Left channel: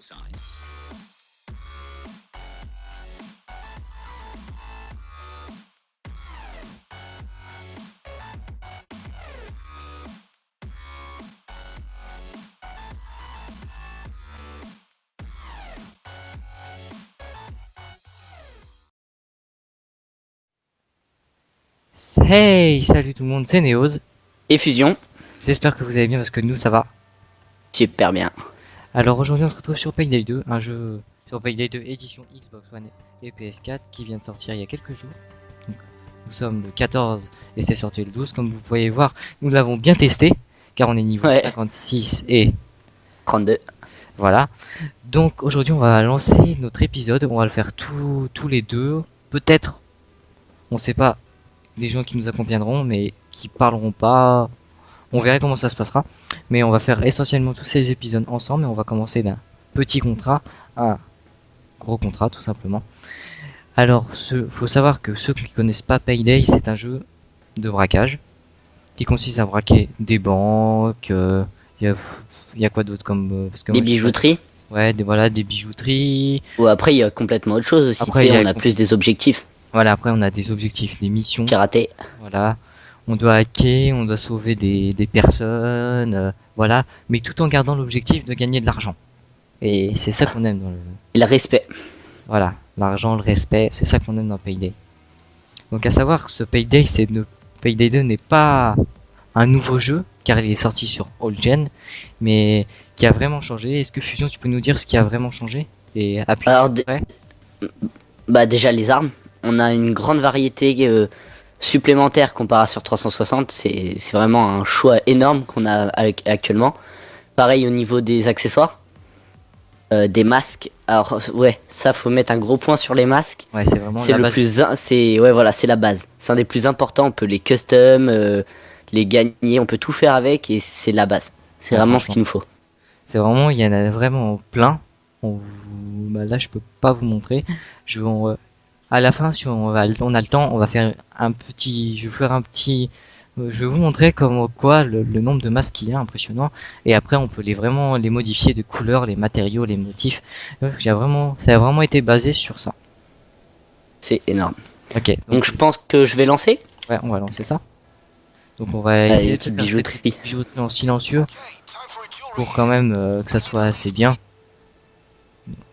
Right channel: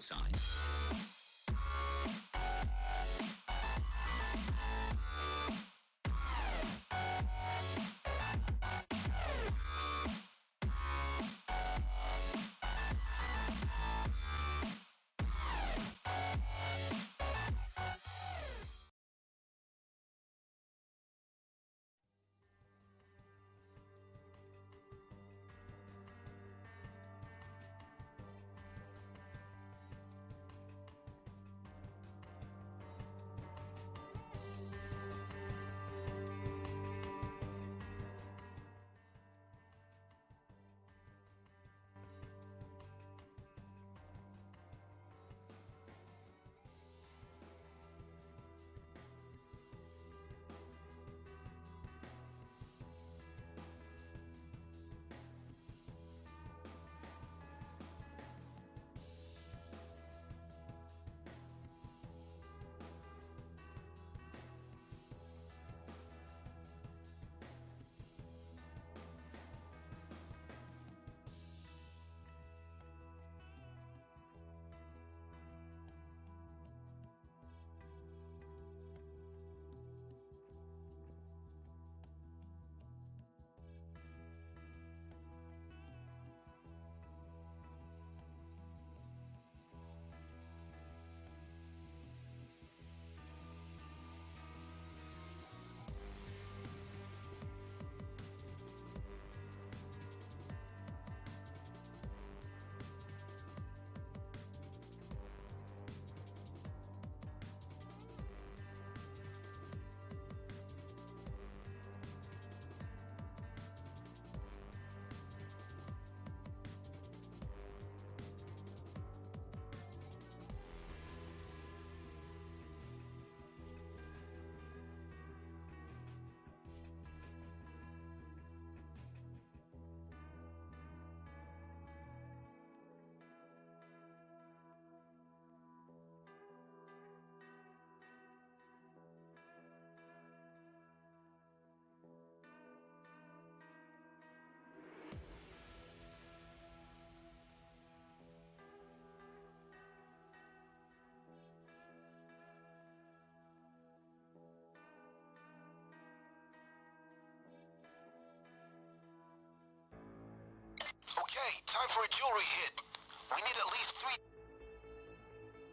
sign. Hey, salut tout le monde, c'est Neos. Et Fusion, J'espère que vous allez bien parce que nous ça va. super bien. Alors aujourd'hui on se retrouve sur Payday 2, un jeu sur Payday 2 édition Xbox One et PS4 qui vient de sortir il y a quelques jours. Donc, nous sommes le 14 et c'est sorti le 12. Comme vous pouvez voir, nous l'avons bien testé car on est niveau Ouais, 56 et 32. voilà. Donc aujourd'hui on va lancer notre épisode, on va le faire tous les deux. Peut-être, on sait pas, des gens qui nous accompagneront mais qui parleront pas. On verra comment ça se passera. Mais on va faire essentiellement tous ces épisodes ensemble et on va commencer d'un petit contrat à un gros contrat tout simplement. Alors, faut savoir que ceux qui connaissent pas Payday, c'est un jeu de braquage qui consiste à braquer des banques. Il y a quoi d'autre comme parce que Des moi, je sais pas. bijouteries. Ouais, voilà, des bijouteries. Ou après, il y a complètement autre chose aussi. Tu Après, sais, on a plus des objectifs. voilà, après on a des objectifs, des missions. Pirater. Voilà, on doit hacker, on doit sauver des personnes, voilà, mais tout en gardant l'objectif de gagner de l'argent. Et c'est ça qu'on aime dans le... Et le respect. Voilà, l'argent, le respect, c'est ça qu'on aime dans Payday. Donc à savoir que ce Payday 2 n'est pas un nouveau jeu, car il est sorti sur All Gen, mais qui a vraiment changé. Est-ce que Fusion, tu peux nous dire ce qui a vraiment changé et appuyer Alors, après? bah déjà les armes. On a une grande variété supplémentaire comparé à sur 360. C'est vraiment un choix énorme qu'on a actuellement. Pareil au niveau des accessoires. Des masques. Alors ouais, ça faut mettre un gros point sur les masques. Ouais, c'est vraiment C'est la le base. plus, c'est ouais voilà, c'est la base. C'est un des plus importants. On peut les custom, les gagner, on peut tout faire avec et c'est la base. C'est Ouais, vraiment ce franchement. qu'il nous faut. C'est vraiment, il y en a vraiment plein. Bah là, je peux pas vous montrer. À la fin, si on a le temps, on va faire un petit, je vais faire un petit, je vais vous montrer comme quoi le nombre de masques qu'il y a impressionnant. Et après, on peut vraiment les modifier de couleurs, les matériaux, les motifs. Ça a vraiment été basé sur ça. C'est énorme. Ok, Donc donc je pense que je vais lancer. ouais, on va lancer ça. Donc on va Allez, essayer une de se petite faire cette bijouterie. bijouterie en silencieux pour quand même que ça soit assez bien.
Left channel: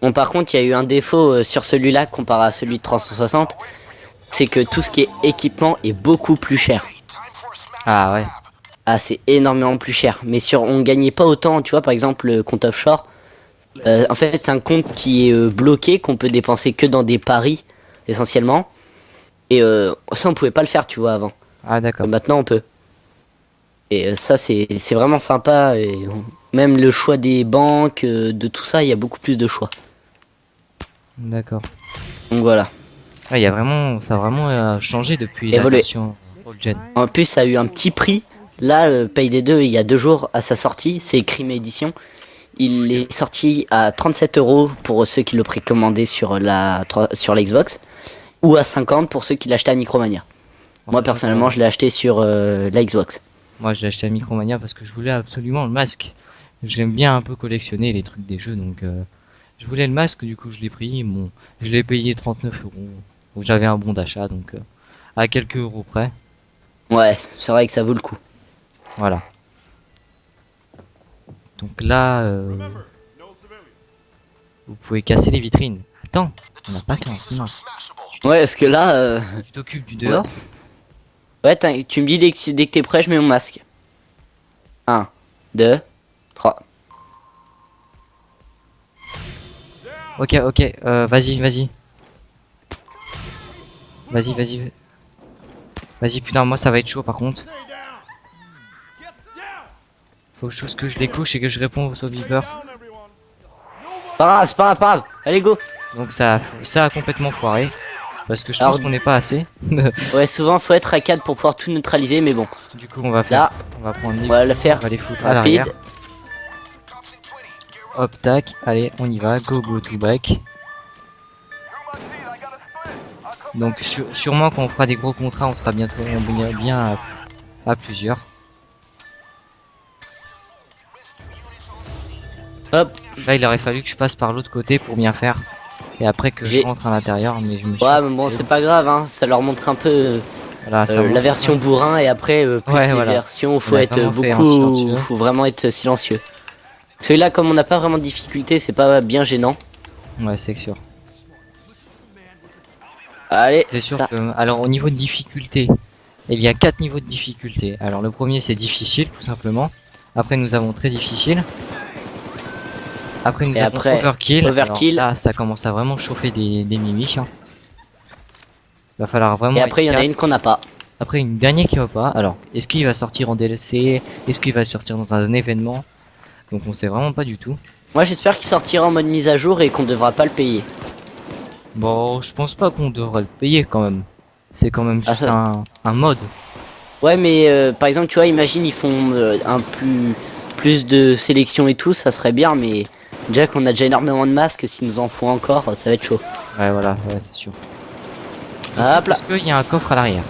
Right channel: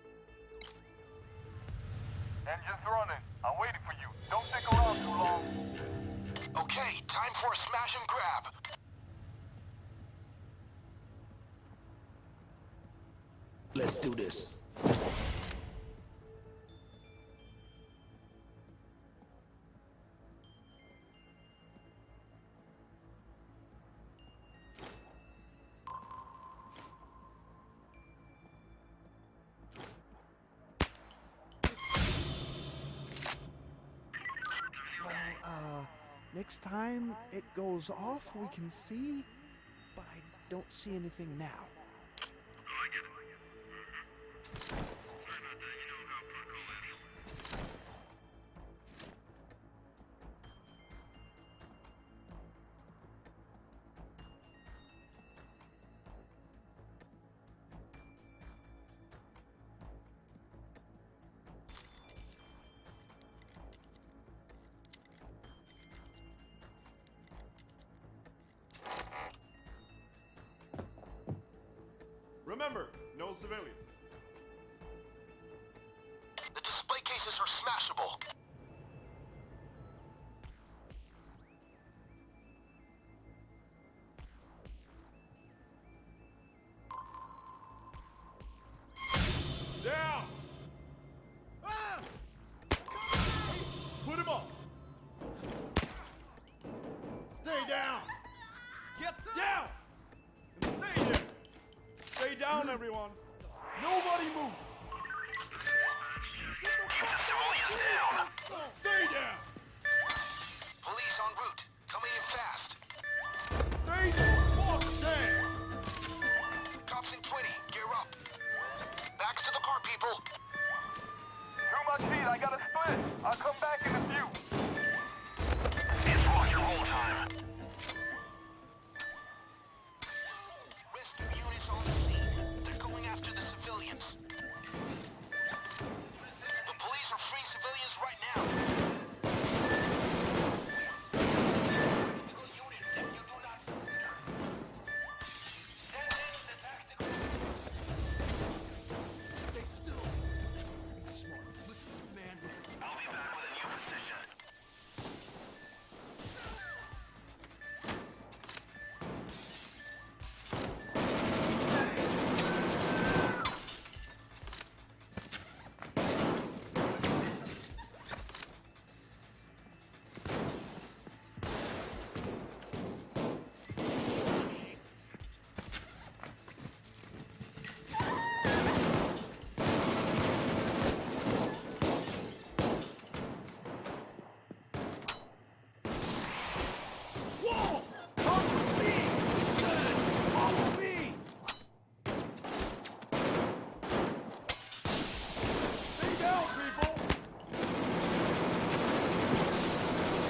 Bon, par contre, il y a eu un défaut sur celui-là comparé à celui de 360. C'est que tout ce qui est équipement est beaucoup plus cher. Ah ouais, Ah, c'est énormément plus cher. Mais on gagnait pas autant, tu vois, par exemple, le compte offshore. En fait, c'est un compte qui est bloqué, qu'on peut dépenser que dans des paris, essentiellement. Et ça, on pouvait pas le faire, tu vois, avant. ah d'accord, Maintenant, on peut. Et ça, c'est vraiment sympa. Et même le choix des banques, de tout ça, il y a beaucoup plus de choix. d'accord. Donc voilà. Ouais, ça a vraiment changé depuis la Évoluer. version old gen. En plus, ça a eu un petit prix. Là, Payday 2, il y a 2 jours à sa sortie, c'est Crime Edition. Il est sorti à 37 € pour ceux qui le précommandaient sur sur la Xbox, ou à 50 pour ceux qui l'achetaient à Micromania. En Moi, sachant personnellement, que je l'ai acheté sur la Xbox. moi, je l'ai acheté à Micromania parce que je voulais absolument le masque. J'aime bien un peu collectionner les trucs des jeux, donc je voulais le masque, du coup je l'ai pris. Bon, je l'ai payé 39 euros. Donc j'avais un bon d'achat, donc à quelques euros près. Ouais, c'est vrai que ça vaut le coup. Voilà. Donc là, vous pouvez casser les vitrines. Attends, on n'a pas le temps, sinon. Ouais, parce que là, Tu t'occupes du ouais, dehors? ouais tu me dis dès que t'es prêt, je mets mon masque. 1, 2, 3. Ok, ok, vas-y, vas-y. Vas-y, vas-y. Vas-y, putain, moi ça va être chaud par contre. Faut juste que je les couche et que je réponds au Beeper. Pas grave, c'est pas grave, pas grave. Allez, go. Donc ça a complètement foiré. Parce que je pense Alors, qu'on n'est pas assez. ouais, souvent, faut être à 4 pour pouvoir tout neutraliser, mais bon. Du coup, on va faire. Là, On va prendre on va le faire on va les foutre à l'arrière. rapide. Hop, tac. Allez, on y va. Go, go, to back. Donc, sûrement quand on fera des gros contrats, on sera bientôt bien à plusieurs. Hop. Là, il aurait fallu que je passe par l'autre côté pour bien faire. Et après que je J'ai- rentre à l'intérieur, mais je me suis... Ouais, mais bon, c'est pas grave, hein. Ça leur montre un peu Voilà, ça la montre- version bourrin et après plus Ouais, les voilà. versions où On faut a être vraiment fait en beaucoup, silencieux. faut vraiment être silencieux. Celui-là, comme on n'a pas vraiment de difficulté, c'est pas bien gênant. Ouais, c'est sûr. Allez, C'est sûr ça. que... Alors, au niveau de difficulté, il y a 4 niveaux de difficulté. Alors, le premier, c'est difficile, tout simplement. Après, nous avons très difficile. Après, nous Et avons après, overkill. overkill. Alors là, ça commence à vraiment chauffer des mimiques. Hein. Va falloir vraiment... Et après, il y en a être une qu'on n'a pas. Après, une dernière qui va pas. Alors, est-ce qu'il va sortir en DLC? Est-ce qu'il va sortir dans un événement? Donc, on sait vraiment pas du tout. Moi, j'espère qu'il sortira en mode mise à jour et qu'on devra pas le payer. Bon, je pense pas qu'on devrait le payer quand même. C'est quand même Ah, juste ça- un mode. Ouais, mais par exemple, tu vois, imagine, ils font un plus de sélection et tout, ça serait bien, mais déjà qu'on a déjà énormément de masques, s'ils nous en font encore, ça va être chaud. Ouais, voilà, ouais, c'est sûr. Hop là. Est-ce qu'il y a un coffre à l'arrière?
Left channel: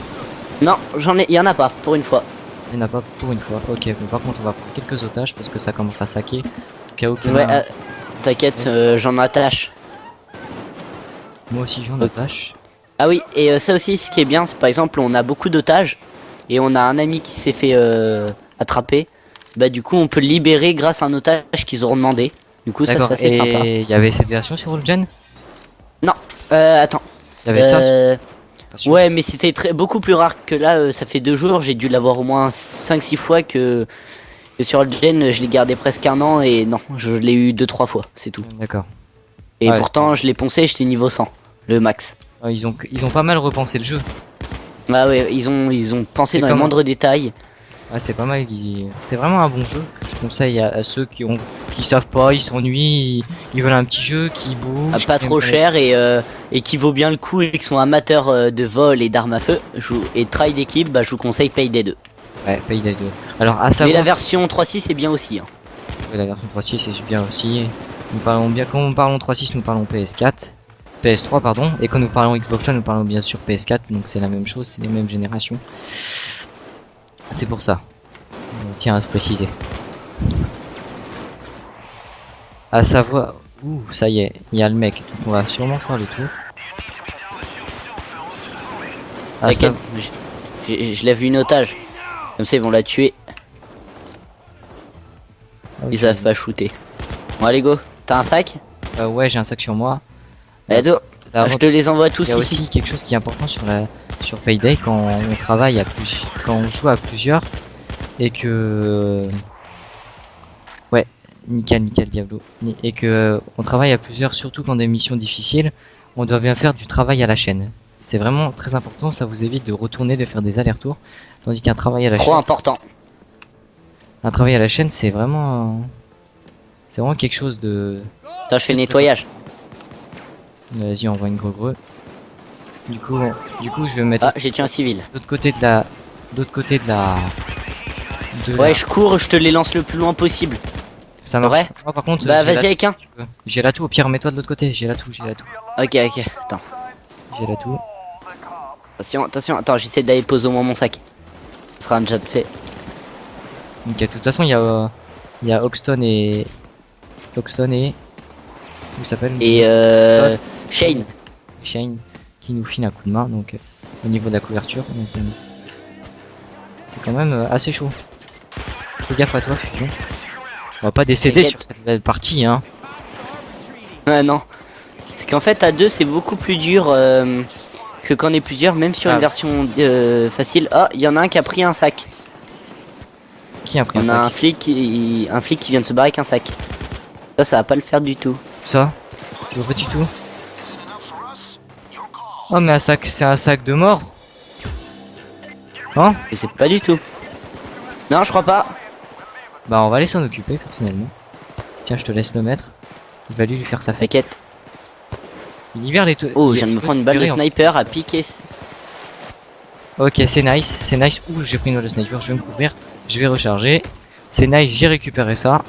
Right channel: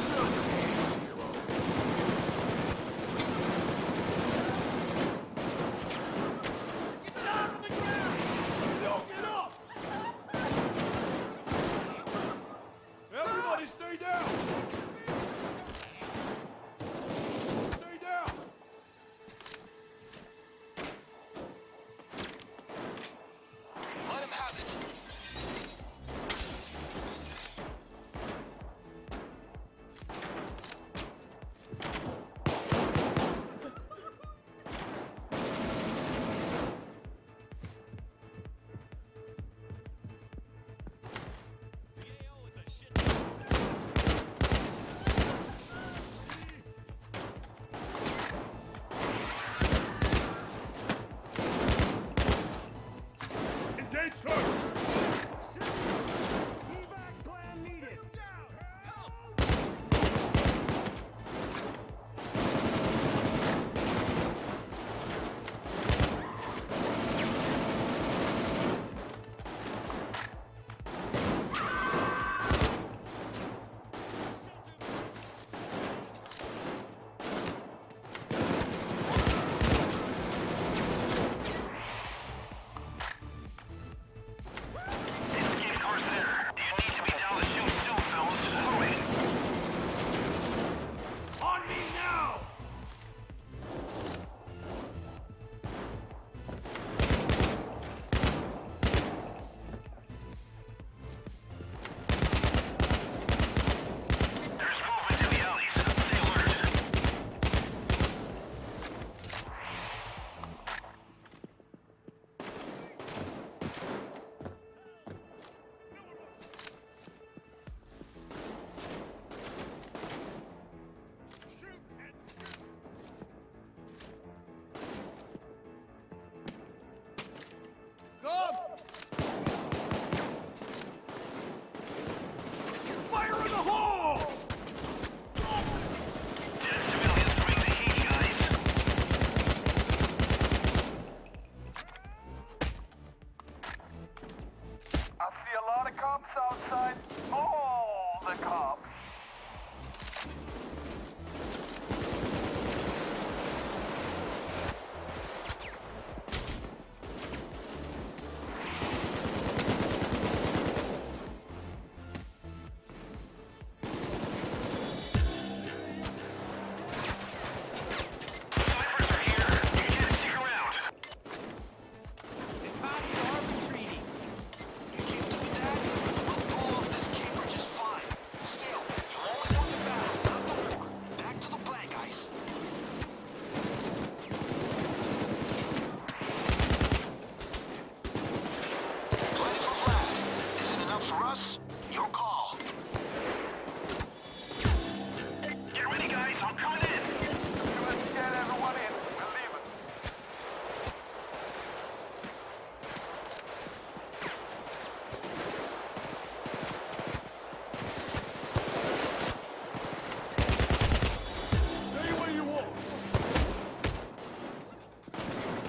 Non, il y en a pas, pour une fois. Il n'y en a pas pour une fois. Ok, bon, par contre, on va prendre quelques otages parce que ça commence à saquer. Au cas où qu'il y en a Ouais, un. t'inquiète, j'en attache. Moi aussi, j'en attache. Ah oui, et ça aussi, ce qui est bien, c'est par exemple, on a beaucoup d'otages, et on a un ami qui s'est fait attraper. Bah du coup, on peut le libérer grâce à un otage qu'ils auront demandé. Du coup, ça D'accord, c'est assez sympa. et il y avait cette version sur Gen? Non, attends. Il y avait ça? Pas sûr. Ouais, mais c'était beaucoup plus rare que là. Ça fait 2 jours, j'ai dû l'avoir au moins 5-6 fois que sur le gen, je l'ai gardé presque un an et non, je l'ai eu 2-3 fois, c'est tout. D'accord. Et Ouais, pourtant, je l'ai poncé, j'étais niveau 100, le max. Ouais, ils ont pas mal repensé le jeu. Ah ouais, ils ont pensé C'est dans les comment moindres détails. Ah, c'est pas mal, c'est vraiment un bon jeu que je conseille à ceux qui savent pas, ils s'ennuient, ils veulent un petit jeu qui bouge. Pas qui trop aime cher et qui vaut bien le coup et qui sont amateurs de vol et d'armes à feu et de travail d'équipe, bah je vous conseille Payday 2. Ouais, Payday 2. Alors, à Mais savoir la version 3.6 est bien aussi. Hein. que la version 3.6 c'est bien aussi. Nous parlons bien, quand nous parlons 3.6, nous parlons PS4, PS3 pardon, et quand nous parlons Xbox One, nous parlons bien sûr PS4, donc c'est la même chose, c'est les mêmes générations. C'est pour ça. Tiens à se préciser. À savoir, ouh, ça y est, il y a le mec, donc on va sûrement faire le tour. À T'inquiète, sa- je l'ai vu une otage. Comme ça ils vont la tuer, ils savent pas shooter. Bon allez go, t'as un sac? Ouais, j'ai un sac sur moi. Allez go, Là, je te les envoie tous il y a ici. aussi quelque chose qui est important sur Payday quand on travaille quand on joue à plusieurs et que ouais, nickel Diablo, et que on travaille à plusieurs, surtout quand des missions difficiles, on doit bien faire du travail à la chaîne. C'est vraiment très important, ça vous évite de retourner, de faire des allers-retours, tandis qu'un travail à la Trop chaîne, important. un travail à la chaîne, c'est vraiment quelque chose de... Attends, je fais le nettoyage. Vas-y, on voit une gros. Du coup, je vais me mettre Ah, j'ai tué un civil. de l'autre côté de la... Ouais, je cours, je te les lance le plus loin possible. Ça marche. Ouais. Moi, par contre, Bah j'ai la- vas-y avec un. J'ai la tout, au pire, mets-toi de l'autre côté, j'ai la tout. Ok, attends. J'ai la tout. Attention, attends, j'essaie d'aller poser au moins mon sac. Ce sera déjà fait. Donc, de toute façon, il y a Hoxton et... Comment il s'appelle? Et Shane. Shane, qui nous file un coup de main, donc, au niveau de la couverture. Donc, c'est quand même assez chaud. Fais gaffe à toi, surtout. On va pas décéder T'inquiète. sur cette belle partie, hein. Ah non. C'est qu'en fait à deux c'est beaucoup plus dur que quand on est plusieurs, même sur Ah. une version facile. Ah, il y en a un qui a pris un sac. Qui a pris Il y un en a sac? un flic qui vient de se barrer avec un sac. Ça va pas le faire du tout. Ça? Je vois pas du tout. Oh, mais c'est un sac de mort. Hein? Je sais pas du tout. Non, je crois pas. Bah, on va aller s'en occuper personnellement. Tiens, je te laisse le mettre. Il va lui faire sa fête. T'inquiète. Il libère les Oh, je viens de me prendre une balle de sniper à piquer. Ok, c'est nice, c'est nice. Ouh, j'ai pris une balle de sniper, je vais me couvrir. Je vais recharger. C'est nice, j'ai récupéré ça.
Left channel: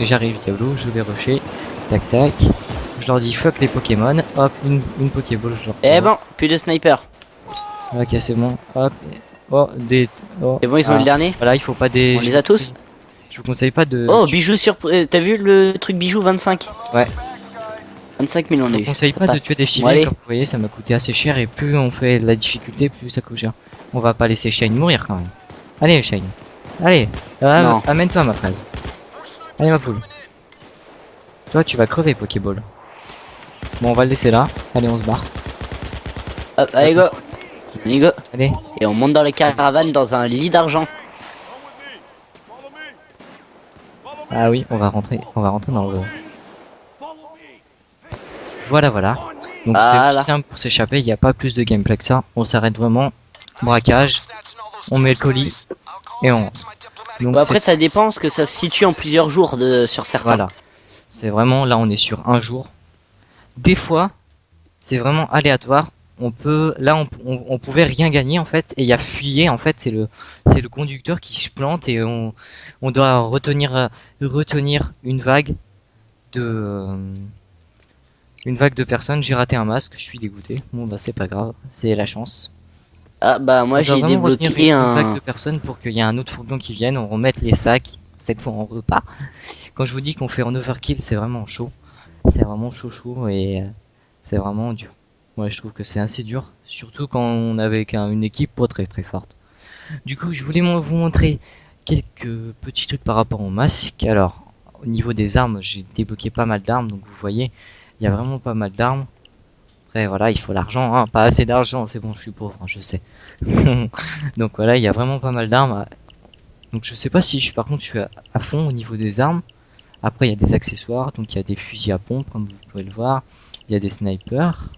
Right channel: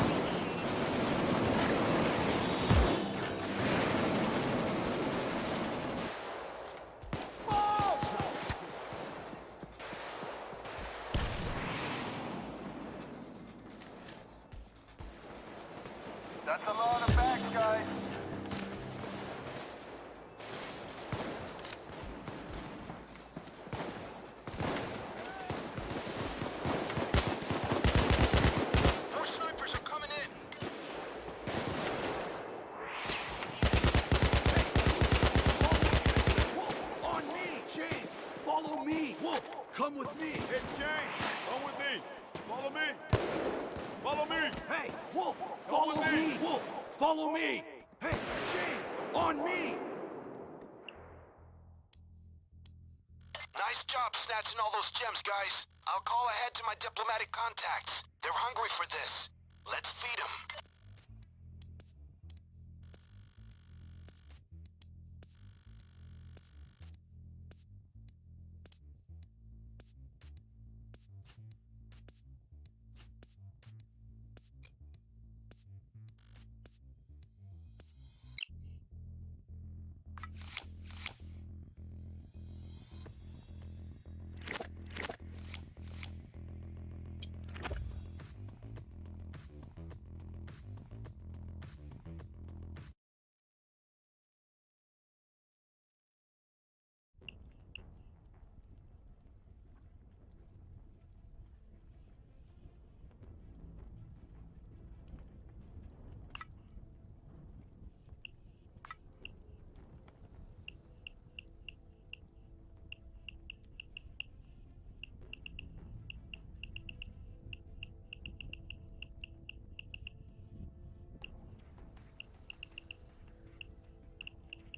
Et j'arrive, Diablo, je vais rusher. Tac tac. Je leur dis fuck les Pokémon. Hop, une Pokéball, je leur Eh ben, plus de sniper. Ok, c'est bon. Hop. Oh, des. Oh. C'est bon, ils ont eu Ah, le dernier. Voilà, il faut pas des. On les a tous. Je vous conseille pas de... Oh, bijou surprise. T'as vu le truc bijou 25? Ouais. 25 000 on Je a vous eu. conseille Ça pas de passe. tuer des Bon, civils, allez. comme vous voyez, ça m'a coûté assez cher, et plus on fait de la difficulté, plus ça coûte cher. On va pas laisser Shane mourir quand même. Allez Shane. Allez, Non. amène-toi ma phrase. Allez ma poule. Toi tu vas crever Pokéball. Bon on va le laisser là. Allez on se barre. Hop, allez go. Allez go. Allez. Et on monte dans les caravanes dans un lit d'argent. Ah oui, on va rentrer dans le... Voilà voilà. Donc c'est aussi Voilà. simple pour s'échapper, il n'y a pas plus de gameplay que ça. On s'arrête vraiment, braquage, on met le colis et on rentre. Donc Bon, après, c'est... ça dépend parce que ça se situe en plusieurs jours sur certains. Voilà. C'est vraiment, là on est sur un jour. Des fois, c'est vraiment aléatoire. On peut, là on pouvait rien gagner en fait, et il y a fuyé en fait, c'est le conducteur qui se plante et on doit retenir de, une vague de personnes. J'ai raté un masque, je suis dégoûté. Bon bah c'est pas grave, c'est la chance. Ah bah moi On doit j'ai vraiment retenir débloqué une vague de un... personnes pour qu'il y ait un autre fourgon qui vienne, on remette les sacs, cette fois on repart. Quand je vous dis qu'on fait en overkill, c'est vraiment chaud. C'est vraiment chaud chaud et c'est vraiment dur. Moi je trouve que c'est assez dur, surtout quand on est avec une équipe pas très très forte. Du coup je voulais vous montrer quelques petits trucs par rapport au masque. Alors au niveau des armes, j'ai débloqué pas mal d'armes, donc vous voyez, il y a vraiment pas mal d'armes. Après voilà, il faut l'argent, hein. Pas assez d'argent, c'est bon, je suis pauvre, hein, je sais. Donc voilà, il y a vraiment pas mal d'armes. Donc je sais pas si par contre je suis à fond au niveau des armes. Après il y a des accessoires, donc il y a des fusils à pompe comme vous pouvez le voir. Il y a des snipers.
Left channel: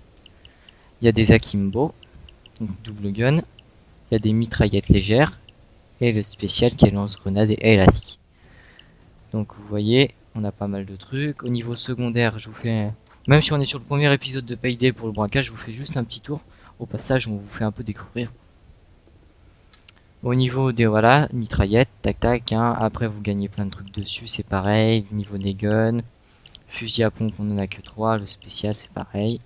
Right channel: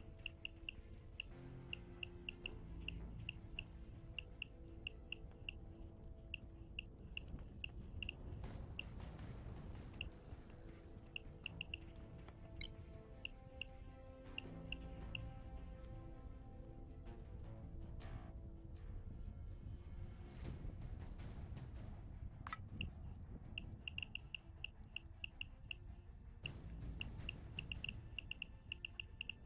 Il y a des akimbo, donc double gun. Il y a des mitraillettes légères. Et le spécial qui est lance-grenade et élastique. Donc vous voyez, on a pas mal de trucs. Au niveau secondaire, je vous fais... Même si on est sur le premier épisode de Payday pour le braquage, je vous fais juste un petit tour. Au passage, on vous fait un peu découvrir. Au niveau des voilà, mitraillettes, tac tac, hein. Après vous gagnez plein de trucs dessus, c'est pareil. Niveau des guns, fusil à pompe on en a que 3, le spécial c'est pareil.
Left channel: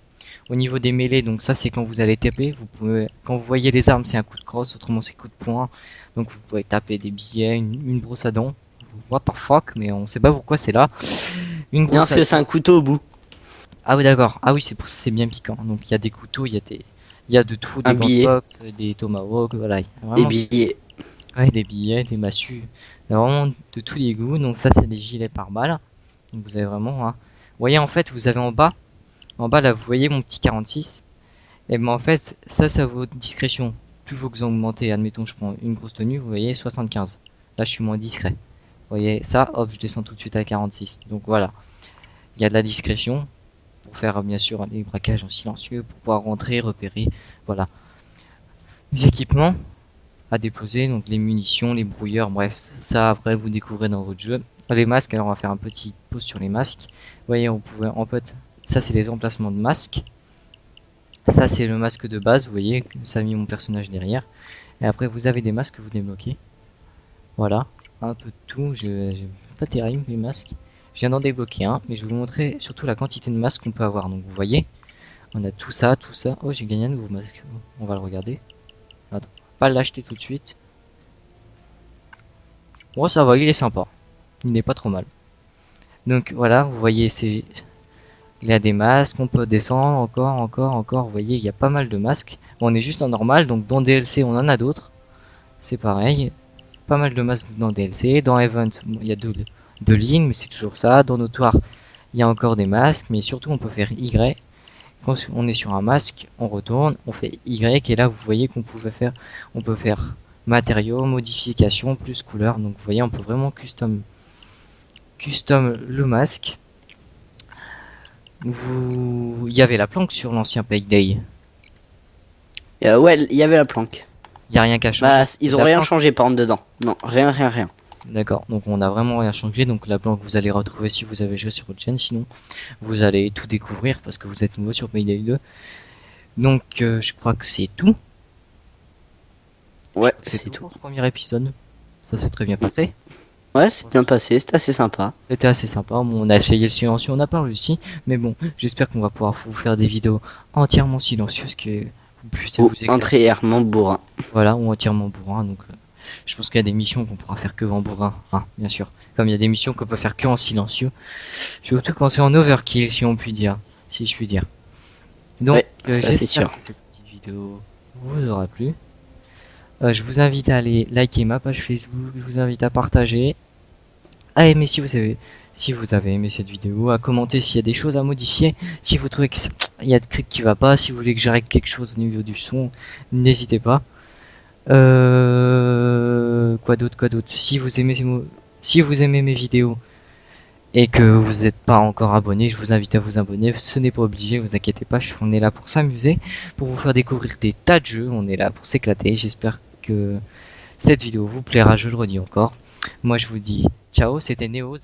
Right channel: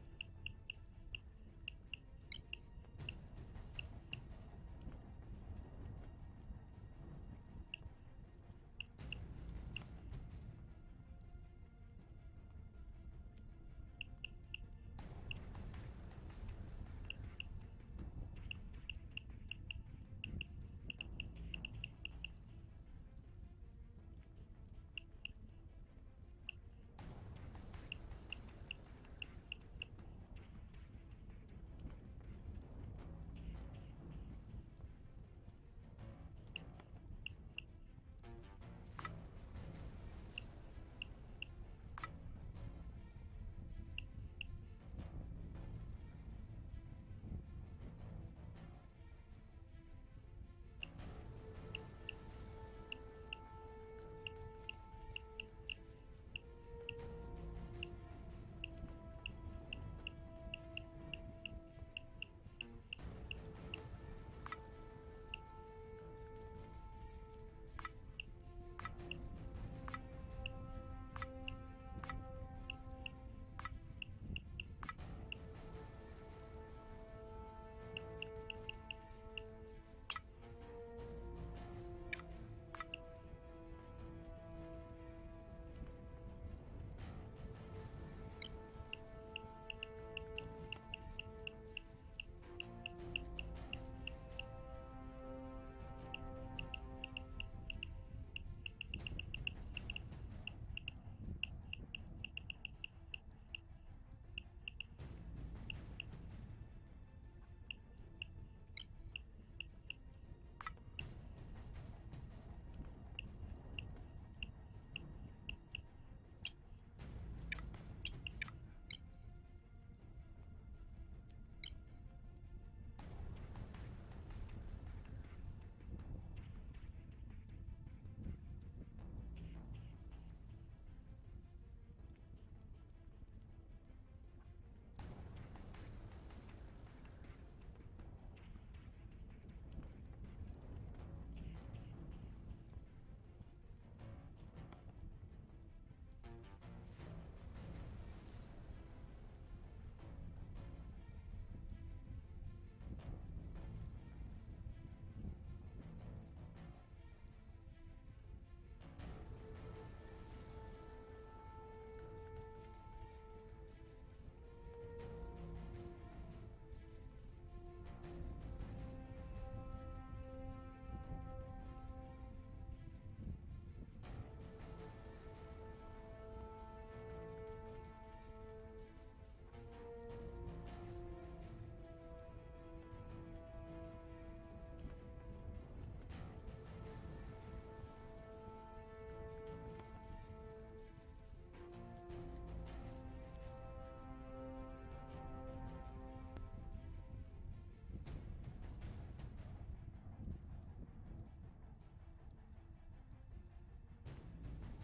Au niveau des mêlées, donc ça c'est quand vous allez taper, vous pouvez, quand vous voyez les armes c'est un coup de crosse, autrement c'est coup de poing. Donc vous pouvez taper des billets, une brosse à dents. What the fuck, mais on sait pas pourquoi c'est là. Une Non, brosse parce à que c'est dents. un couteau au bout. Ah oui d'accord, ah oui c'est pour ça c'est bien piquant. Donc il y a des couteaux, il y a de tout, des Un gants de billet. boxe, des tomahawks, voilà. Des Vraiment billets. ouais, des billets, des massues, il y a vraiment de tous les goûts. Donc ça c'est des gilets pare-balles. Donc vous avez vraiment, hein. Vous voyez en fait vous avez en bas là vous voyez mon petit 46. Et ben en fait ça vaut discrétion. Plus vous augmentez, admettons je prends une grosse tenue, vous voyez 75. Là je suis moins discret. Vous voyez ça, hop je descends tout de suite à 46. Donc voilà, il y a de la discrétion pour faire bien sûr les braquages en silencieux, pour pouvoir rentrer, repérer, voilà. Les équipements à déposer, donc les munitions, les brouilleurs, bref, ça après vous découvrez dans votre jeu. Les masques, alors on va faire un petit pause sur les masques. Vous voyez, on pouvait en fait, ça c'est les emplacements de masques. Ça c'est le masque de base, vous voyez, ça a mis mon personnage derrière. Et après vous avez des masques que vous débloquez. Voilà, un peu de tout, pas terrible les masques. Je viens d'en débloquer un, mais je vais vous montrer surtout la quantité de masques qu'on peut avoir. Donc vous voyez, on a tout ça, tout ça. Oh j'ai gagné un nouveau masque, on va le regarder. Attends, pas l'acheter tout de suite. Bon ça va, il est sympa. Il n'est pas trop mal. Donc voilà, vous voyez, il y a des masques, on peut descendre encore. Vous voyez, il y a pas mal de masques. Bon, on est juste en normal, donc dans DLC on en a d'autres. C'est pareil, pas mal de masques dans DLC. Dans Event, bon, il y a deux lignes, mais c'est toujours ça. Dans Notoire, il y a encore des masques, mais surtout on peut faire Y. Quand on est sur un masque, on retourne, on fait Y, et là vous voyez on peut faire matériaux, modification, plus couleur. Donc vous voyez, on peut vraiment custom le masque. Il y avait la planque sur l'ancien Payday. Ouais, il y avait la planque. Il y a rien qu'à Bah, changer. ils ont La rien planque, changé par contre dedans. Non, rien. d'accord. Donc on a vraiment rien changé. Donc la planque vous allez retrouver si vous avez joué sur votre chaîne. Sinon vous allez tout découvrir parce que vous êtes nouveau sur Payday 2. Donc je crois que c'est tout. Ouais, C'est c'est tout tout. pour ce premier épisode. Ça s'est très bien passé. Ouais, c'est bien passé, c'est assez sympa. C'était assez sympa. Bon, on a essayé le silencieux, on n'a pas réussi. Mais bon, j'espère qu'on va pouvoir vous faire des vidéos entièrement silencieuses que vous puissiez Ou vous éclater. entièrement bourrin. Voilà, ou entièrement bourrin. Donc Je pense qu'il y a des missions qu'on pourra faire que en bourrin, hein, bien sûr. Comme il y a des missions qu'on peut faire que en silencieux. Surtout quand c'est en overkill, si on peut dire. Si je puis dire. Donc, Ouais, ça c'est j'espère sûr. que cette petite vidéo vous aura plu. Je vous invite à aller liker ma page Facebook, je vous invite à partager, à aimer si vous avez aimé cette vidéo, à commenter s'il y a des choses à modifier, si vous trouvez qu'il y a des trucs qui va pas, si vous voulez que je règle quelque chose au niveau du son, n'hésitez pas. Quoi d'autre? Si vous aimez mes vidéos et que vous n'êtes pas encore abonné, je vous invite à vous abonner. Ce n'est pas obligé, vous inquiétez pas, on est là pour s'amuser, pour vous faire découvrir des tas de jeux, on est là pour s'éclater. J'espère que cette vidéo vous plaira, je le redis encore. Moi je vous dis ciao, c'était Néo.